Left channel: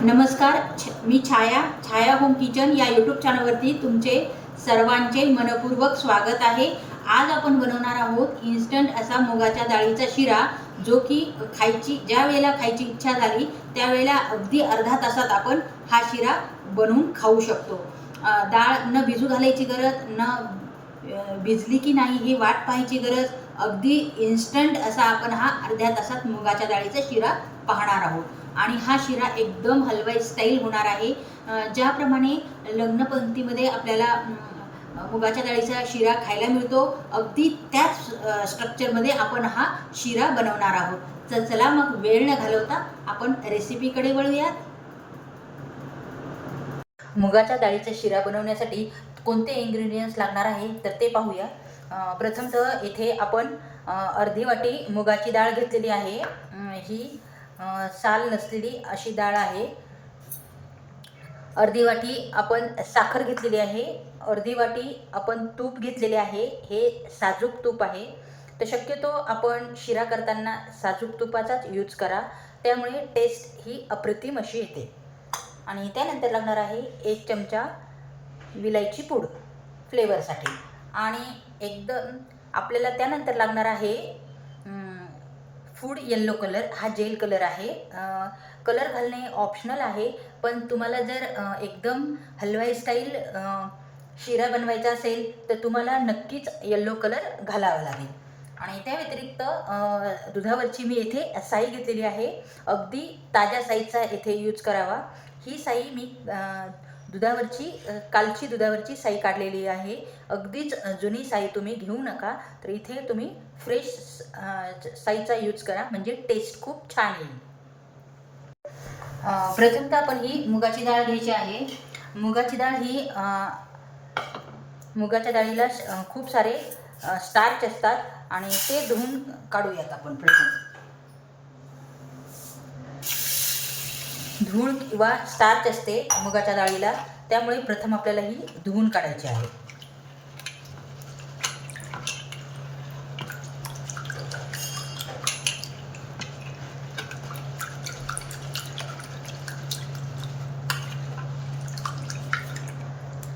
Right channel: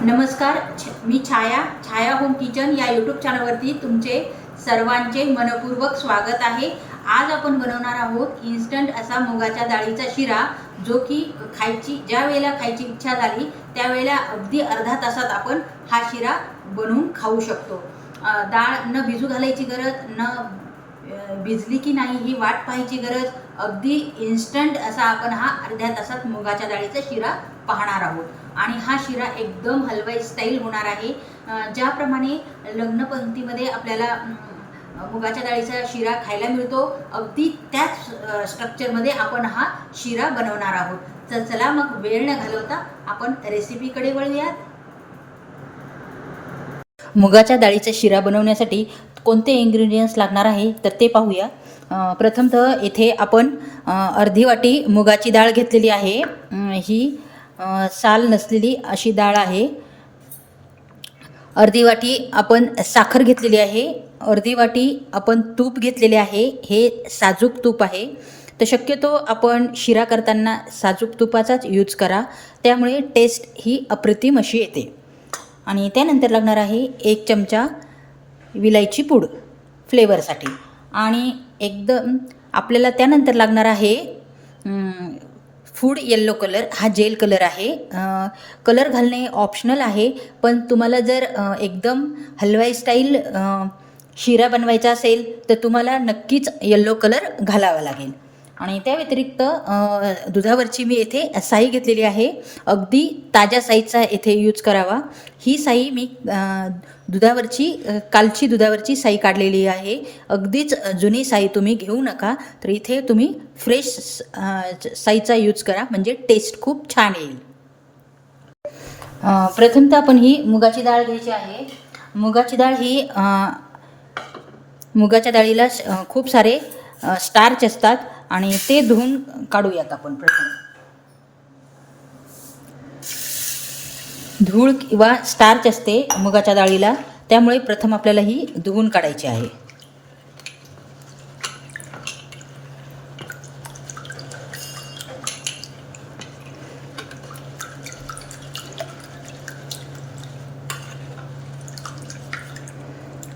नमस्कार. मी छाया home kitchen या YouTube चॅनलवरती तुमचे सर्वांचे मनपूर्वक स्वागत आहे. आज आपण बनवणार आहोत इन्स्टंट असा मुगाच्या डाळीचा शिरा, जो की ज्या वेळेला खायची इच्छा झाली त्यावेळेला अगदी अर्धा तासात आपण हा शिरा बनवून खाऊ शकतो. डाळ न भिजू घालायची गरज, भिजली की नाही ही वाट पाहायची गरज, अगदी इन्स्टंट असा आपण हा अर्ध्या तासात मुगाच्या डाळीचा शिरा पाहणार आहोत. आणि हा शिरा एकदम हलवाई स्टाईल होणार आहे. ज्याप्रमाणे लग्नपंक्तीमध्ये आपल्याला मुगाच्या डाळीचा शिरा खायला मिळतो, अगदी त्याच स्ट्रक्चरमध्ये आपण हा शिरा बनवणार आहोत. तर चला मग वेळ न घालवता आपण रेसिपीकडे वळूयात. मुगाच्या डाळीचा शिरा बनवण्यासाठी कोणते इन्ग्रेडियंट्स लागणार आहे तर ते पाहूया. प्रथमतः येथे आपण अर्धी वाटी मुगाची डाळ घेतलेली आहे. ही साल नसलेली अशी डाळ आहे. अर्धी वाटी आपण साखर घेतलेली आहे. अर्धी वाटी आपण तूप घेतलेले आहे. हे साजूक तूप आहे, तर शक्यतो आपण शिरा करताना साजूक तुपाचाच यूज करा, त्यामुळे टेस्ट ही अप्रतिम अशी येते. आणि त्यानंतर लागणार आहे 1 चमचा विलायची पूड फ्लेवरसाठी. आणि एकदम आपल्याला त्यानंतर लागणार आहे फूड येल्लो कलर. हा जेल कलर आहे. कलर घालणे ऑप्शनल आहे, पण तुम्हाला जर एकदम हलवाई स्टाईल शिरा बनवायचा असेल तर तुम्हाला नक्कीच येल्लो कलर घालावा लागेल. आणि त्या व्यतिरिक्त दुधावरची मी येथे साई घेतलेली आहे. अगदी ताज्या साईचा येथे यूज करावा. ही साई मी कालची दुधावरची साई काढलेली आहे. अगदीच जुनी साई तुम्ही घेऊ नका, तर इथे तुम्ही फ्रेश साईचा यूज करा, म्हणजे टेस्ट खूप छान येईल. प्रथमतः आपण ही मुगाची डाळ घ्यायची आहे. मुगाची डाळ ही मुगाच्या डाळीला खूप सारे स्टार्च असतात आणि ते धुवून काढूयात आपण. प्रथम धूळ किंवा स्टार्च असते मुगाच्या डाळीला, त्यामुळे प्रथम आपल्याला ही धुवून काढायची आहे.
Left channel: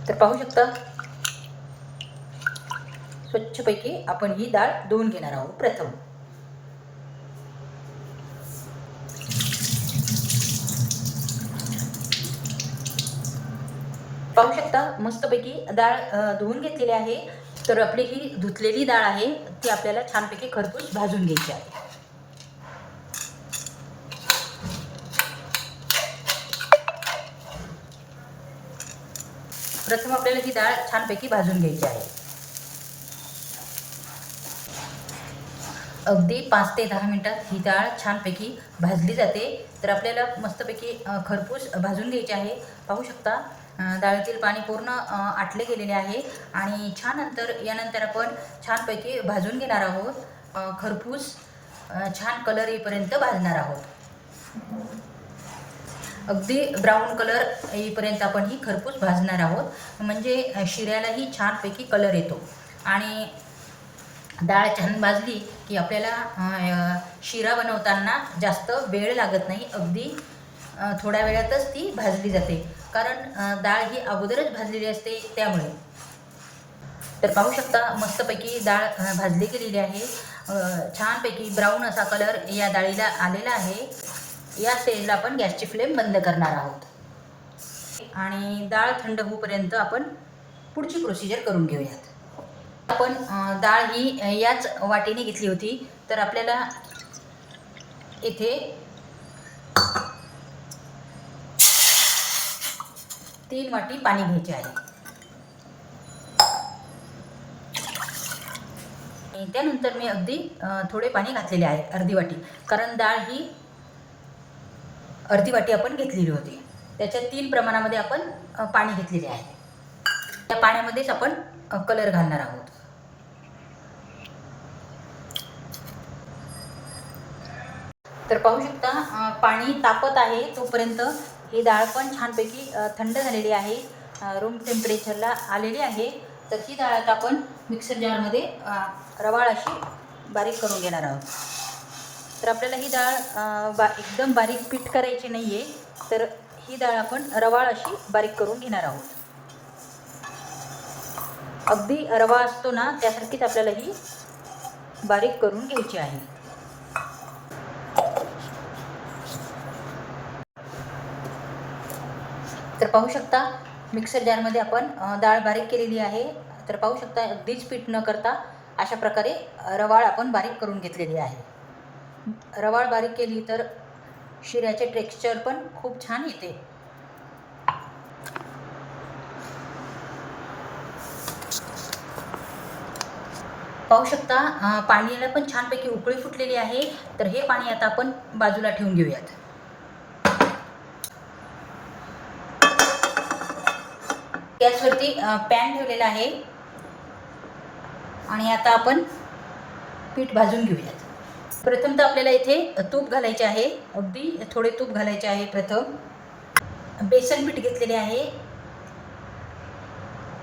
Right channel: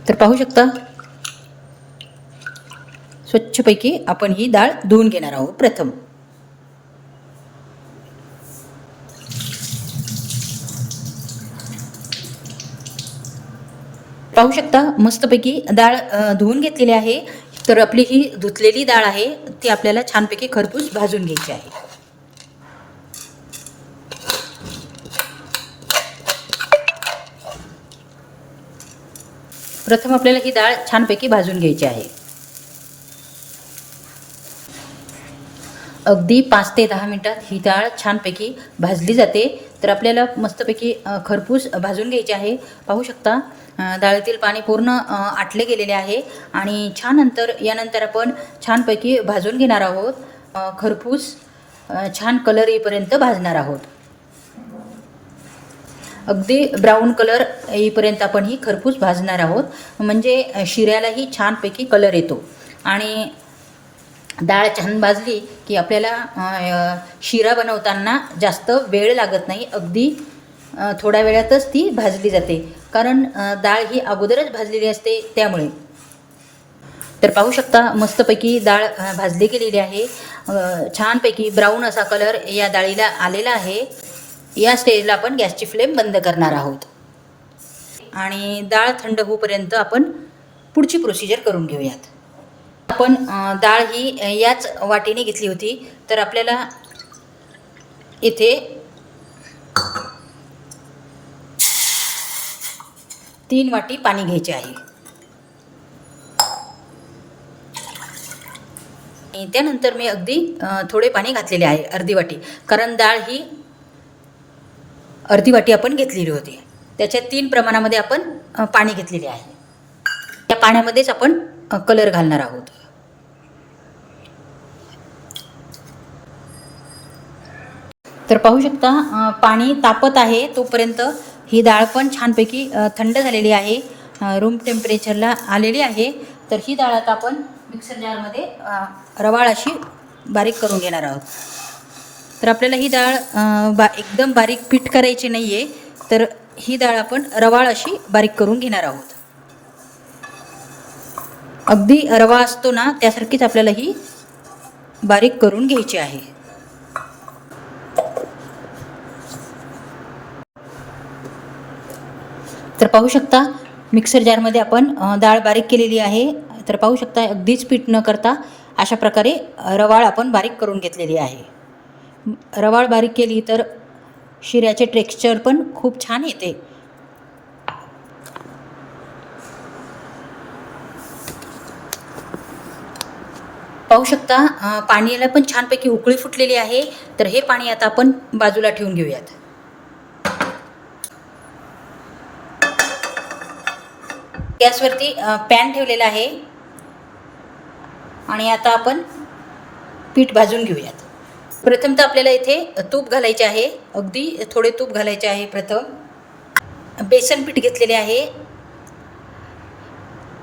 तर पाहू शकता, स्वच्छपैकी आपण ही डाळ धुवून घेणार आहोत. प्रथम पाहू शकता, मस्तपैकी डाळ धुवून घेतलेली आहे. तर आपली ही धुतलेली डाळ आहे ती आपल्याला छानपैकी खरपूस भाजून घ्यायची आहे. प्रथम आपल्याला ही डाळ छानपैकी भाजून घ्यायची आहे. अगदी 5 ते 10 मिनिटात ही डाळ छानपैकी भाजली जाते. तर आपल्याला मस्तपैकी खरपूस भाजून घ्यायची आहे. पाहू शकता, डाळीतील पाणी पूर्ण आटले गेलेले आहे आणि यानंतर आपण छानपैकी भाजून घेणार आहोत. खरपूस छान कलर येईपर्यंत भाजणार आहोत. अगदी ब्राऊन कलर येईपर्यंत आपण ही खरपूस भाजणार आहोत, म्हणजे शिऱ्यालाही छानपैकी कलर येतो. आणि डाळ छान भाजली की आपल्याला शिरा बनवताना जास्त वेळ लागत नाही. अगदी थोड्या वेळातच ती भाजली जाते, कारण डाळ ही अगोदरच भाजलेली असते त्यामुळे. तर पाहू शकता, मस्तपैकी डाळ भाजली गेलेली आहे. छानपैकी ब्राऊन असा कलर या डाळीला आलेला आहे. या स्टेजला आपण गॅसची फ्लेम बंद करणार आहोत आणि डाळ थंड होईपर्यंत आपण पुढची प्रोसिजर करून घेऊयात. आपण डाळ ही याच वाटीने घेतली होती, तर आपल्याला इथे 3 वाटी पाणी घ्यायचे आहे. आणि त्यानंतर मी अगदी थोडे पाणी घातलेले आहे, अर्धी वाटी, कारण डाळ ही अर्धी वाटी आपण घेतलेली होती. त्याच्या 3 प्रमाणामध्ये आपण पाणी घेतलेले आहे. त्या पाण्यामध्येच आपण कलर घालणार आहोत. तर पाहू शकता, पाणी तापत आहे तोपर्यंत ही डाळ पण छानपैकी थंड झालेली आहे, रूम टेम्परेचरला आलेली आहे. तर ही डाळ आता आपण मिक्सर जारमध्ये रवाळ अशी बारीक करून घेणार आहोत. तर आपल्याला ही डाळ एकदम बारीक पीठ करायची नाही आहे, तर ही डाळ आपण रवाळ अशी बारीक करून घेणार आहोत. अगदी रवा असतो ना त्यासारखीच आपल्याला ही बारीक करून घ्यायची आहे. तर पाहू शकता मिक्सर जारमध्ये आपण डाळ बारीक केलेली आहे. तर पाहू शकता अगदीच पीठ न करता अशा प्रकारे रवाळ आपण बारीक करून घेतलेली आहे. रवाळ बारीक केली तर शिऱ्याचे टेक्स्चर पण खूप छान येते. पाहू शकता पाण्याला पण छानपैकी उकळी फुटलेली आहे. तर हे पाणी आता आपण बाजूला ठेवून घेऊयात. गॅसवरती पॅन ठेवलेला आहे आणि आता आपण पीठ भाजून घेऊयात. प्रथम तर आपल्याला इथे तूप घालायचे आहे. अगदी थोडे तूप घालायचे आहे. प्रथम बेसन पीठ घेतलेले आहे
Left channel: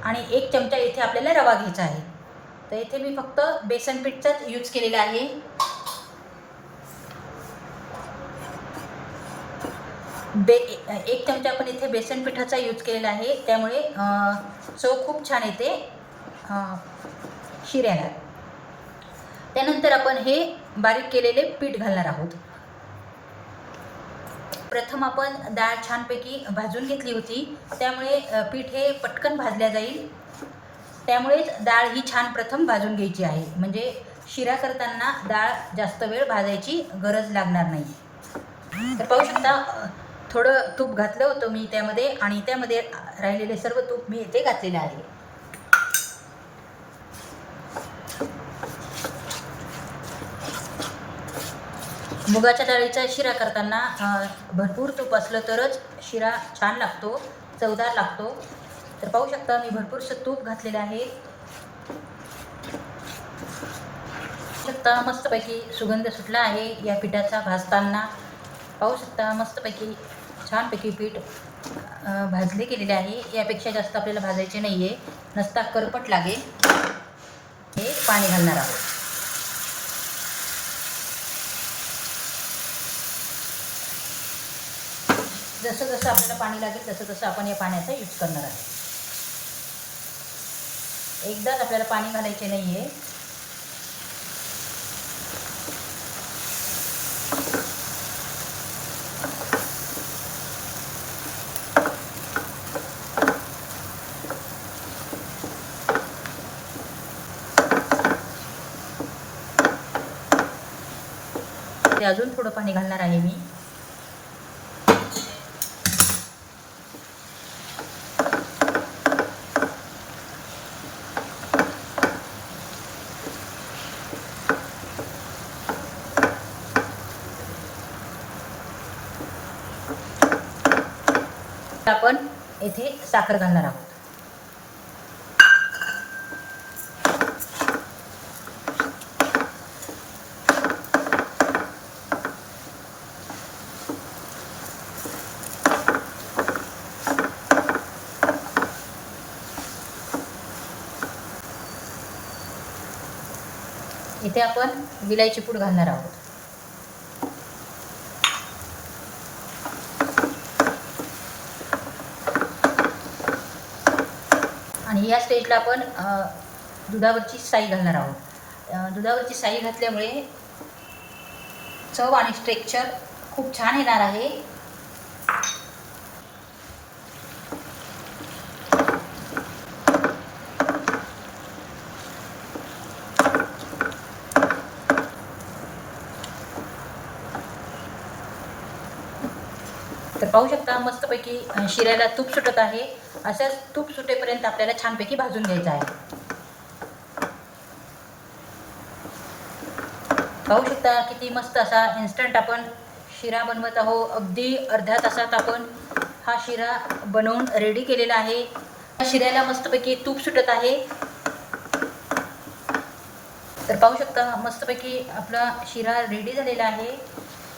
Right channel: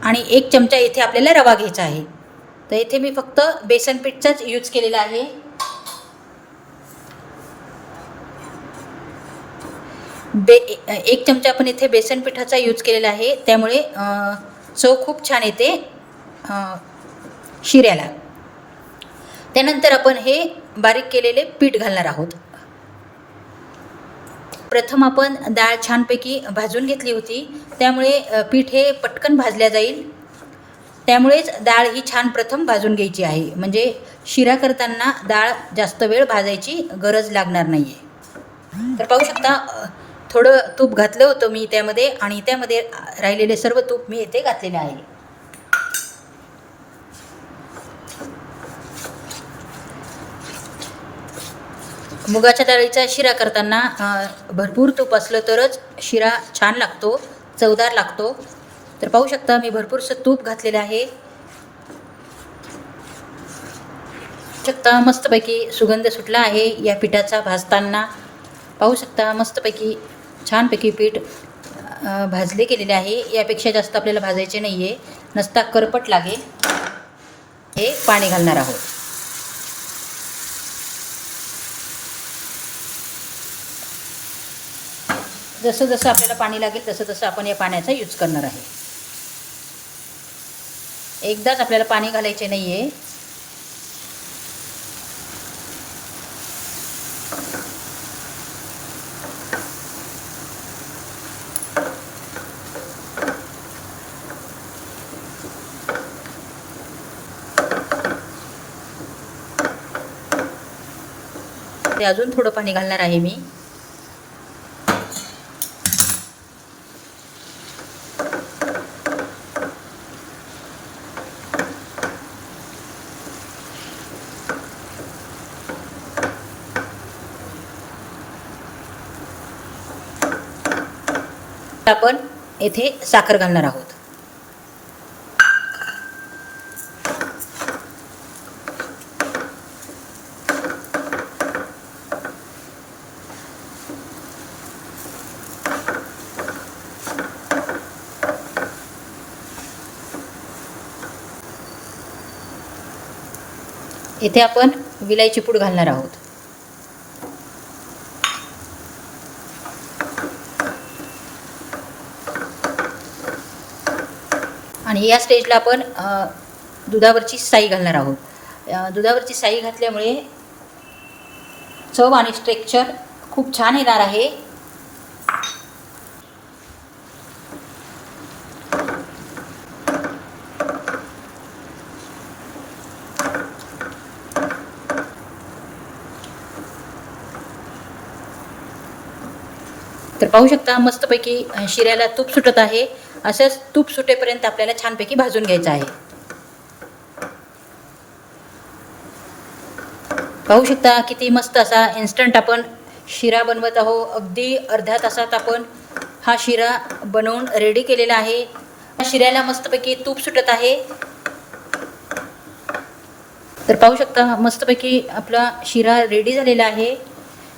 आणि 1 चमचा इथे आपल्याला रवा घ्यायचा आहे. तर इथे मी फक्त बेसन पीठचाच यूज केलेला आहे. एक चमचा आपण इथे बेसन पिठाचा यूज केलेला आहे. त्यामुळे चव खूप छान येते शिऱ्याला. त्यानंतर आपण हे बारीक केलेले पीठ घालणार आहोत. प्रथम आपण डाळ छानपैकी भाजून घेतली होती. त्यामुळे पीठ हे पटकन भाजल्या जाईल. त्यामुळेच डाळ ही छान प्रथम भाजून घ्यायची आहे. म्हणजे शिरा करताना डाळ जास्त वेळ भाजायची गरज लागणार नाही आहे. तर पाहू शकता थोडं तूप घातलं होतं मी त्यामध्ये आणि त्यामध्ये राहिलेले सर्व तूप मी इथे घातलेले आहे. मुगाच्या डाळीचा शिरा करताना भरपूर तूप असलं तरच शिरा छान लागतो, चवदार लागतो. तर पाहू शकता मी भरपूरसं तूप घातलेलं आहे. शकता मस्तपैकी सुगंध सुटला आहे या पिठाचा भाजताना. पाहू शकता मस्तपैकी छानपैकी पीठ भाजले गेलेले आहे. यापेक्षा जास्त आपल्याला भाजायचे नाही आहे, नसता करपट लागेल. हे पाणी घालणार आहोत. जसं जसं आपल्याला पाणी लागेल तसं तसं आपण या पाण्याचा यूज करणार आहे. एकदाच आपल्याला पाणी घालायचे नाही आहे. ते अजून थोडं पाणी घालणार आहे मी. आपण येथे साखर घालणार आहोत. इथे आपण विलायची पूड घालणार आहोत. आणि या स्टेजला आपण दुधावरची साई घालणार आहोत. दुधावरची साई घातल्यामुळे चव आणि टेक्स्चर खूप छान येणार आहे. तर पाहू शकता मस्तपैकी शिऱ्याला तूप सुटत आहे. असंच तूप सुटेपर्यंत आपल्याला छानपैकी भाजून घ्यायचं आहे. पाहू शकता किती मस्त असा इन्स्टंट आपण शिरा बनवत आहोत. अगदी अर्ध्या तासात आपण हा शिरा बनवून रेडी केलेला आहे. शिऱ्याला मस्तपैकी तूप सुटत आहे. तर पाहू शकता मस्तपैकी आपला शिरा रेडी झालेला आहे.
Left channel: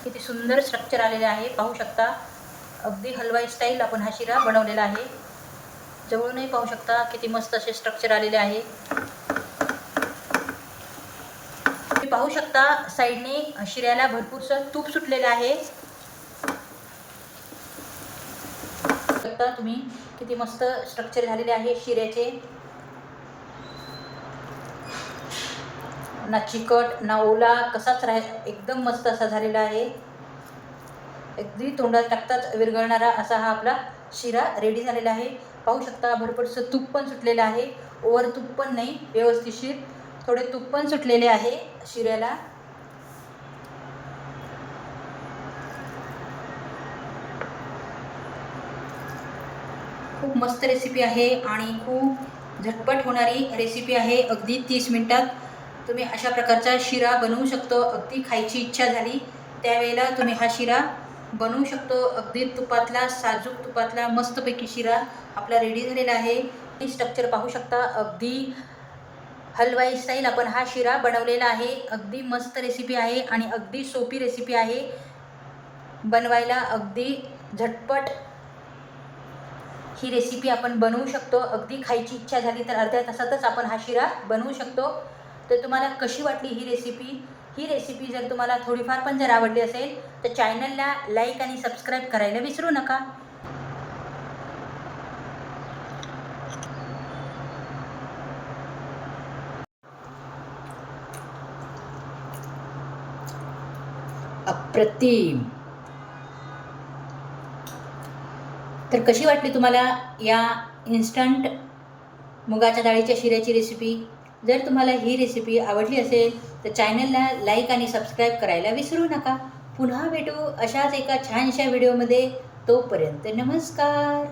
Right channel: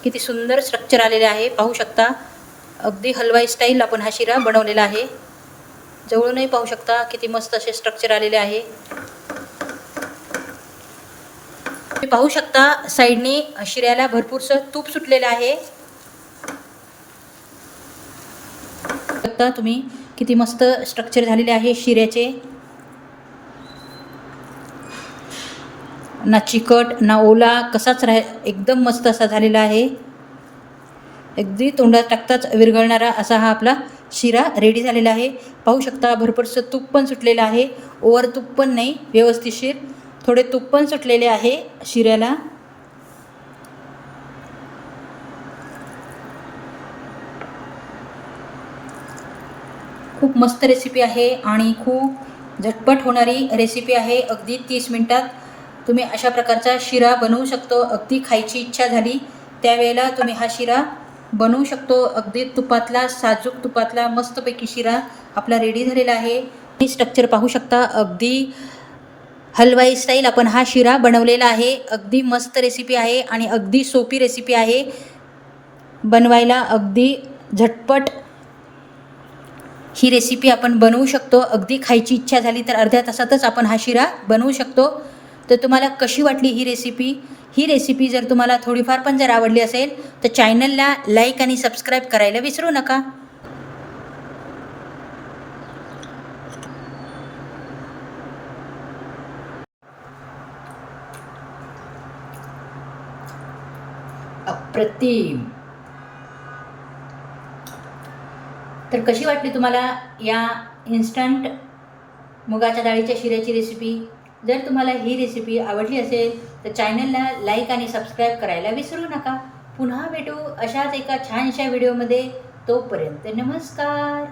किती सुंदर स्ट्रक्चर आलेले आहे. पाहू शकता अगदी हलवाई स्टाईल आपण हा शिरा बनवलेला आहे. जवळूनही पाहू शकता किती मस्त असे स्ट्रक्चर आलेले आहे. तुम्ही पाहू शकता साईडनी शिऱ्याला भरपूरसं तूप सुटलेलं आहे. शकता तुम्ही किती मस्त स्ट्रक्चर झालेले आहे शिऱ्याचे. ना चिकट ना ओला कसाच एकदम मस्त असा झालेला आहे. अगदी तोंडात टाकताच विरघळणारा असा हा आपला शिरा रेडी झालेला आहे. पाहू शकता भरपूरसं तूप पण सुटलेलं आहे. ओव्हर तूप पण नाही, व्यवस्थितशीर थोडे तूप पण सुटलेले आहे शिऱ्याला. खूप मस्त रेसिपी आहे आणि खूप झटपट होणारी रेसिपी आहे. अगदी 30 मिनिटात तुम्ही अशा प्रकारचा शिरा बनवू शकतो. अगदी खायची इच्छा झाली त्यावेळेला तुम्ही हा शिरा बनवू शकतो. अगदी तुपातला, साजूक तुपातला मस्तपैकी शिरा आपला रेडी झालेला आहे. ही स्ट्रक्चर पाहू शकता. अगदी हलवाई स्टाईल आपण हा शिरा बनवलेला आहे. अगदी मस्त रेसिपी आहे आणि अगदी सोपी रेसिपी आहे बनवायला. अगदी झटपट ही रेसिपी आपण बनवू शकतो. अगदी खायची इच्छा झाली तर अर्ध्या तासातच आपण हा शिरा बनवू शकतो. तर तुम्हाला कशी वाटली ही रेसिपी? ही रेसिपी जर तुम्हाला थोडीफार पण जर आवडली असेल तर चॅनलला लाईक आणि सबस्क्राईब करायला विसरू नका. अप्रतिम. तर कशी वाटली तुम्हाला या इन्स्टंट मुगाच्या डाळीच्या शिऱ्याची रेसिपी? जर तुम्हाला ही रेसिपी आवडली असेल तर चॅनलला लाईक आणि सबस्क्राईब करायला विसरू नका. पुन्हा भेटू अशाच एका छानशा व्हिडिओमध्ये. तोपर्यंत नमस्कार.